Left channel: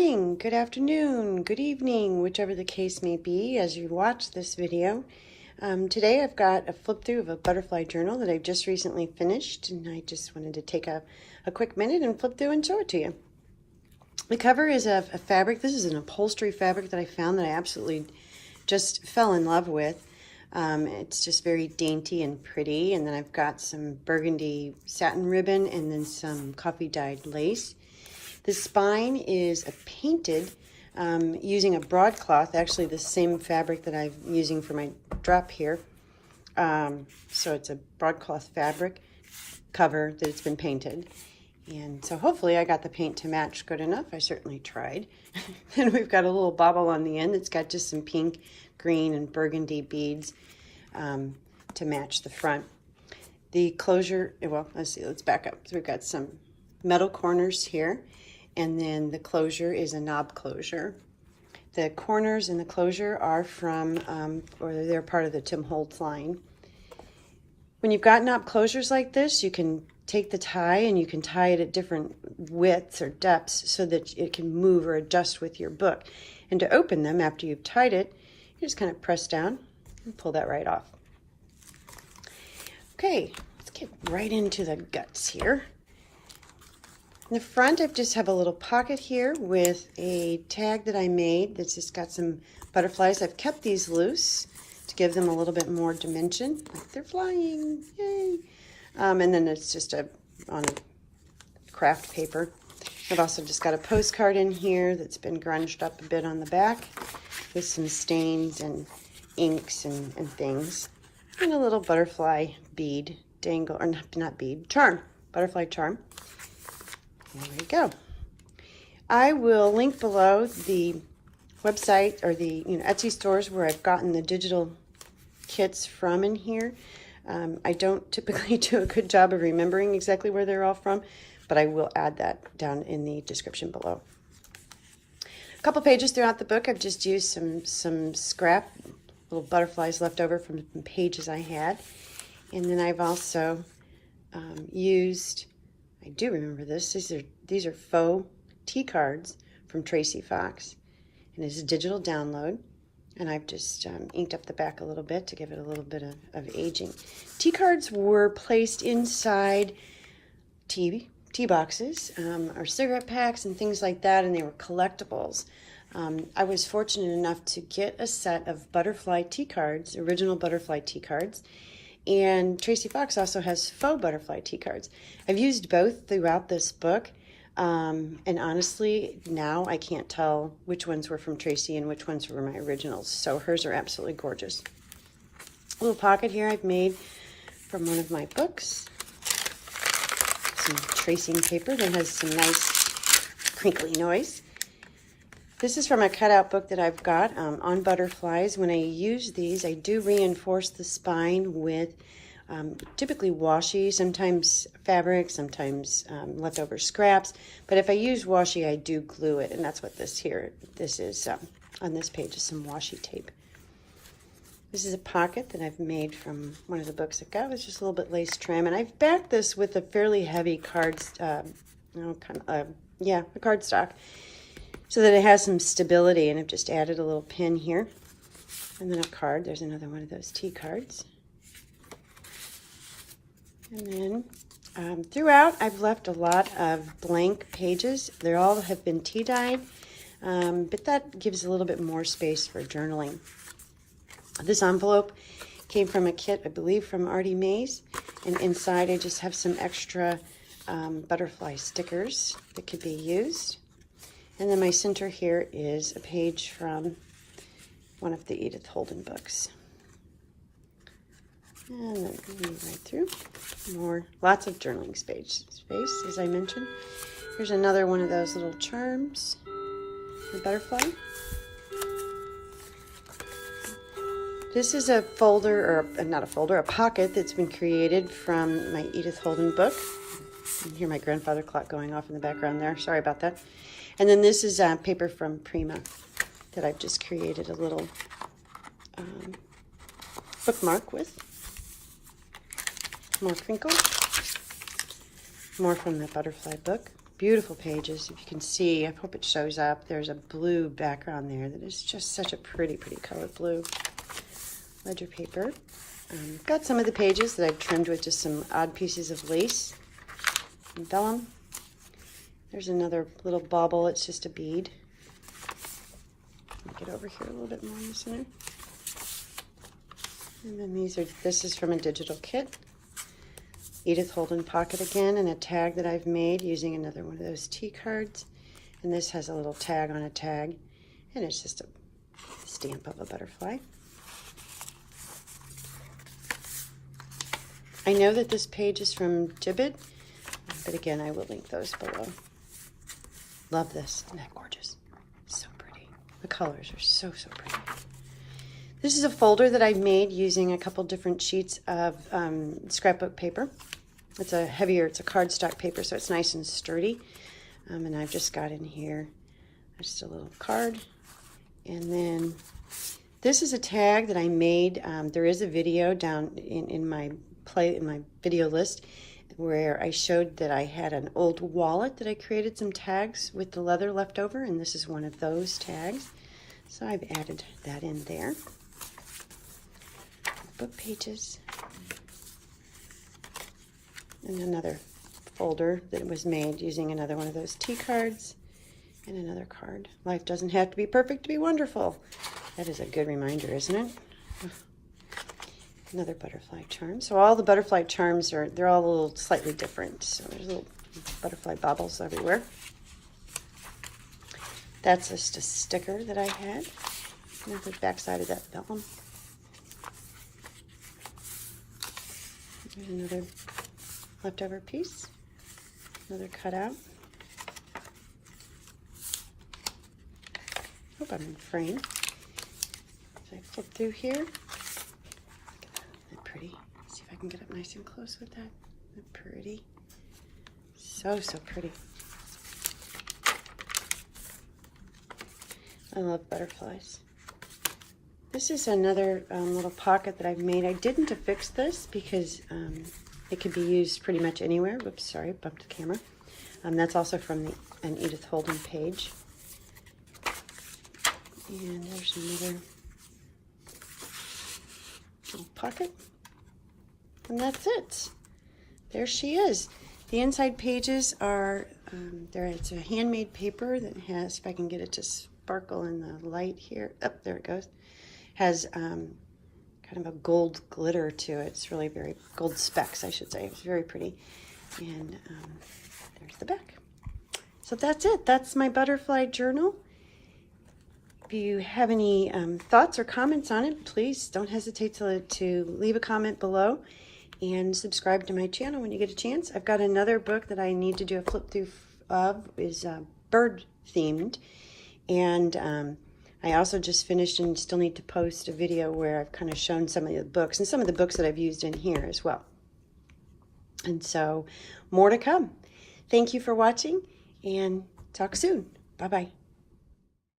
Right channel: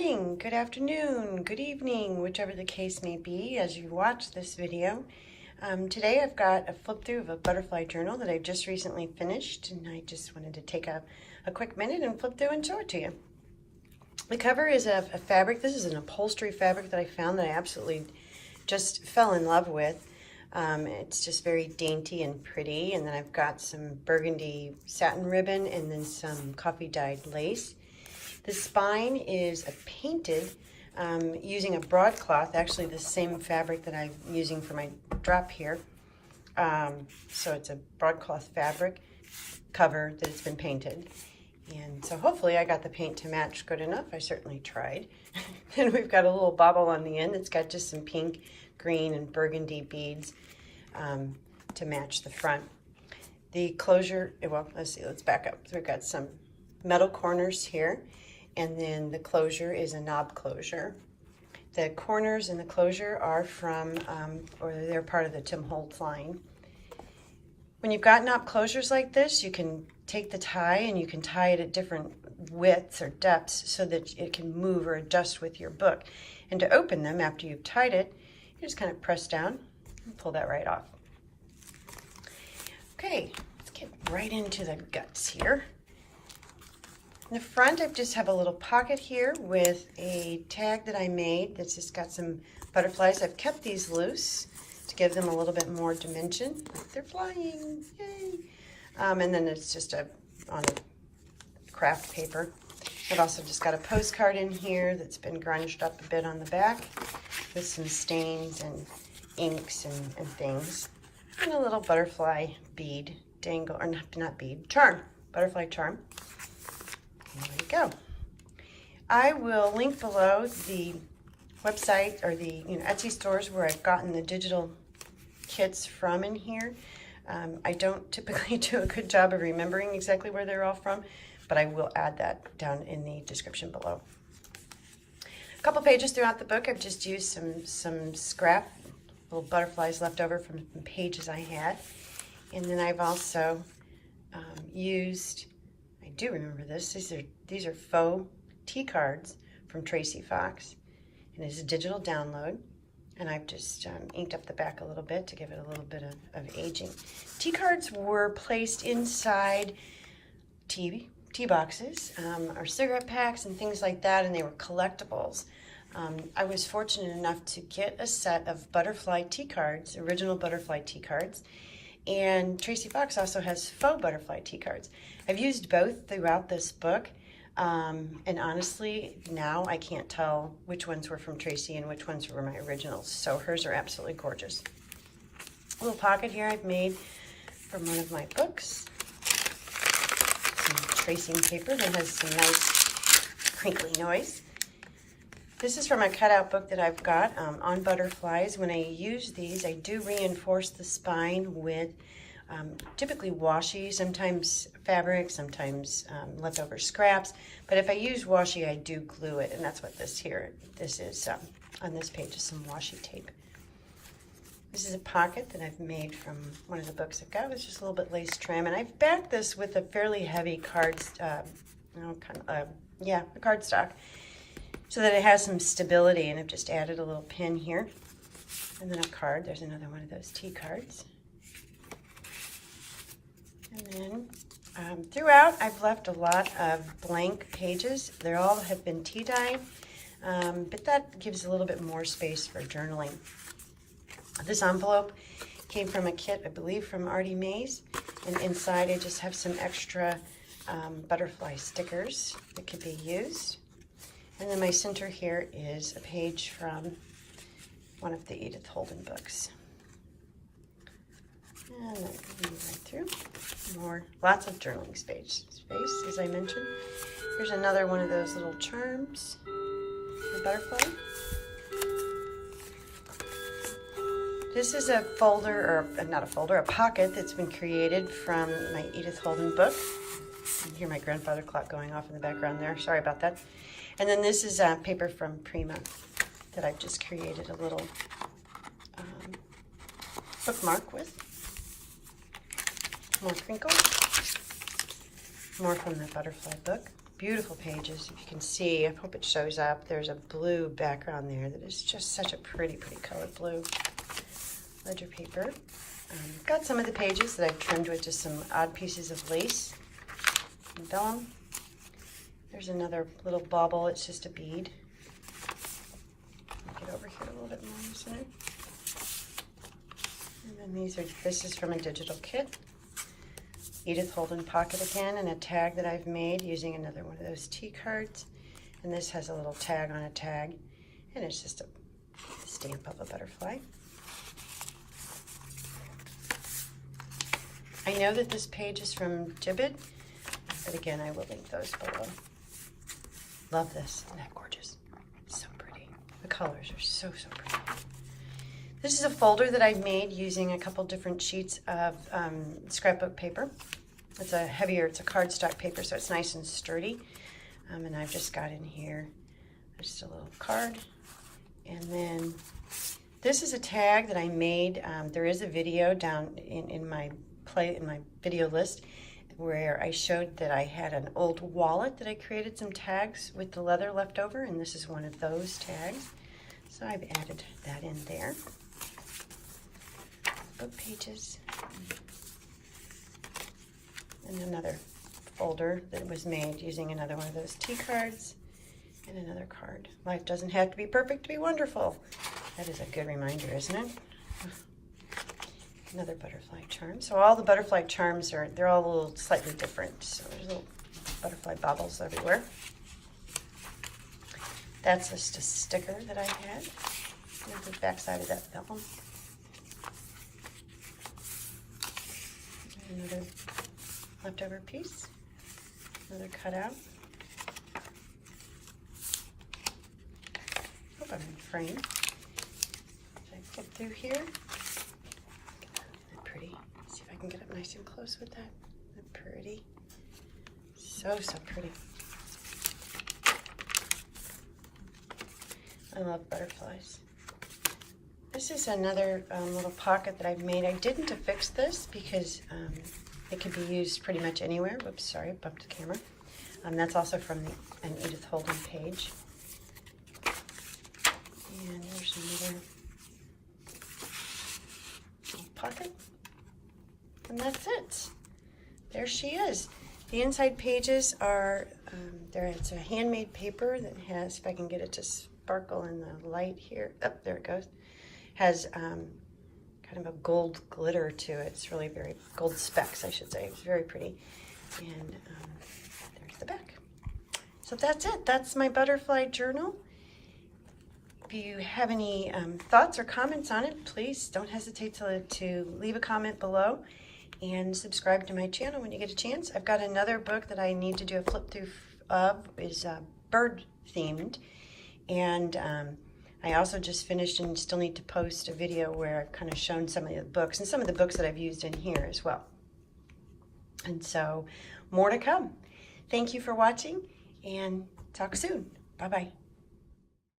morning, good afternoon, good evening, whichever the case may be as you watch this video. Today I've got a flip through of a butterfly journal that I've just recently finished, and I just wanted to take a quick minute and flip through and show it to you. The cover is a fabric. This is an upholstery fabric that I found that I absolutely just fell in love with. It's just very dainty and pretty, and then I've got some burgundy satin ribbon and then some coffee dyed lace. The spine is painted using a broadcloth, actually the same fabric that I'm using for my drop here. So it's a broadcloth fabric cover that it's been painted. And so hopefully I got the paint to match good enough. I certainly tried. And we've got a little bobble on the end that's got just some pink, green, and burgundy beads to match the front. The closure, well, let's back up. So we've got some metal corners here, and then the closure is a knob closure. The corners and the closure are from, or they're part of the Tim Holtz line. When you've got knob closures like this, you can take the tie and you can tie it at different widths or depths so that it can move or adjust with your book. And to open them after you've tied it, you just kind of press down and pull that right off. Okay, let's get right into the guts here. In the front, I just have a little pocket here with a tag that I made that's just got some butterflies. I've kept these loose to give them a little bit more dimension. Like they're flying, yay! And then it's just on craft paper. I've also just got a postcard in here that's been grunged up a bit on the back with some stains and inks and things. And a little butterfly bead dangle, or not bead, charm, butterfly charm. There we go. I will link below the website or the Etsy stores where I've gotten the digital kits from in here. I don't typically do a good job of remembering exactly where they're all from, but I will add that down in the description below. A couple pages throughout the book, I've just used some scrap, little butterflies left over from pages I had. And then I've also used, I do remember this, these are faux tea cards from Tracy Fox. And it's a digital download. And I've just inked up the back a little bit to give it a little bit of aging. Tea cards were placed inside tea boxes or cigarette packs and things like that, and they were collectibles. I was fortunate enough to get a set of butterfly tea cards, original butterfly tea cards, and Tracy Fox also has faux butterfly tea cards. I've used both throughout this book. And honestly, now I can't tell which ones were from Tracy and which ones were my originals. So hers are absolutely gorgeous. A little pocket here I've made from one of my books. Some tracing paper that has some nice crinkly noise. This is from a cutout book that I've got on butterflies. When I use these, I do reinforce the spine with typically washi, sometimes fabric, sometimes leftover scraps. But if I use washi, I do glue it, and that's what this is. On this page is some washi tape. This is a pocket that I've made from one of the books I've got. It's just a little bit lace trim, and I've backed this with a fairly heavy cardstock, so that it has some stability. And I've just added a little pin here, and then a card. There's another one of those tea cards. And then throughout, I've left a lot of blank pages. They all have been tea dyed, but that gives a little bit more space for journaling. This envelope came from a kit, I believe, from Artie Mays. And inside, I just have some extra butterfly stickers that could be used. And then my center here is a page from one of the Edith Holden books. And then going right through. Lots of journaling space, as I mentioned. Here's another one of those little charms for butterfly. This is a folder, or not a folder, a pocket that's been created from my Edith Holden book. You can hear my grandfather clock going off in the background there. Sorry about that. And then this is paper from Prima that I've just created a little bookmark with. More crinkle. More from the butterfly book. Beautiful pages. If you can see, I hope it shows up. There's a blue background there that is just such a pretty, pretty color blue. Ledger paper. Got some of the pages that I've trimmed with just some odd pieces of lace and vellum. There's another little bauble. It's just a bead. Get over here a little bit more this one. And then this is from a digital kit. Edith Holden pocket again, and a tag that I've made using another one of those tea cards. And this has a little tag on a tag, and it's just a stamp of a butterfly. I know that this page is from Gibbet, but again, I will link those below. Love this. Isn't that gorgeous? So pretty. The colors are so, so pretty. This is a folder that I made using a couple different sheets of scrapbook paper. It's a cardstock paper, so it's nice and sturdy. And I've just got in here just a little card. And then this is a tag that I made. There is a video down in my video list where I showed that I had an old wallet that I created some tags with the leather left over, and this is one of those tags. So I've added that in there. Book pages. And another folder that was made using another one of those tea cards. And another card. Life doesn't have to be perfect to be wonderful. That is a good reminder, isn't it? Another butterfly charm. So all the butterfly charms they're all a little slightly different. So there's little butterfly baubles everywhere. That's just a sticker that I had. Here's the back side of that vellum. Another leftover piece. Another cutout. Hope I'm in frame. If I flip through here. Isn't that pretty? Let's see if I can get up nice and close with that. Isn't that pretty? So, so pretty. I love butterflies. This is another little pocket that I've made. I didn't affix this because it could be used pretty much anywhere. Whoops, sorry, bumped the camera. That's also from an Edith Holden page. And there's another little pocket. And that's it. There she is. The inside pages are, it's a handmade paper that has, if I can get it to sparkle in the light here. Oh, there it goes. Has kind of a gold glitter to it. It's really very, gold specks, I should say. It's very pretty. And there's the back. So that's it. That's my butterfly journal. If you have any thoughts or comments on it, please don't hesitate to leave a comment below and subscribe to my channel when you get a chance. I've got another book that I need to do a flip through of, is bird themed. And I also just finished and still need to post a video where I've kind of shown some of the books and some of the books that I've used in here as well. And so more to come. Thank you for watching and talk soon. Bye-bye.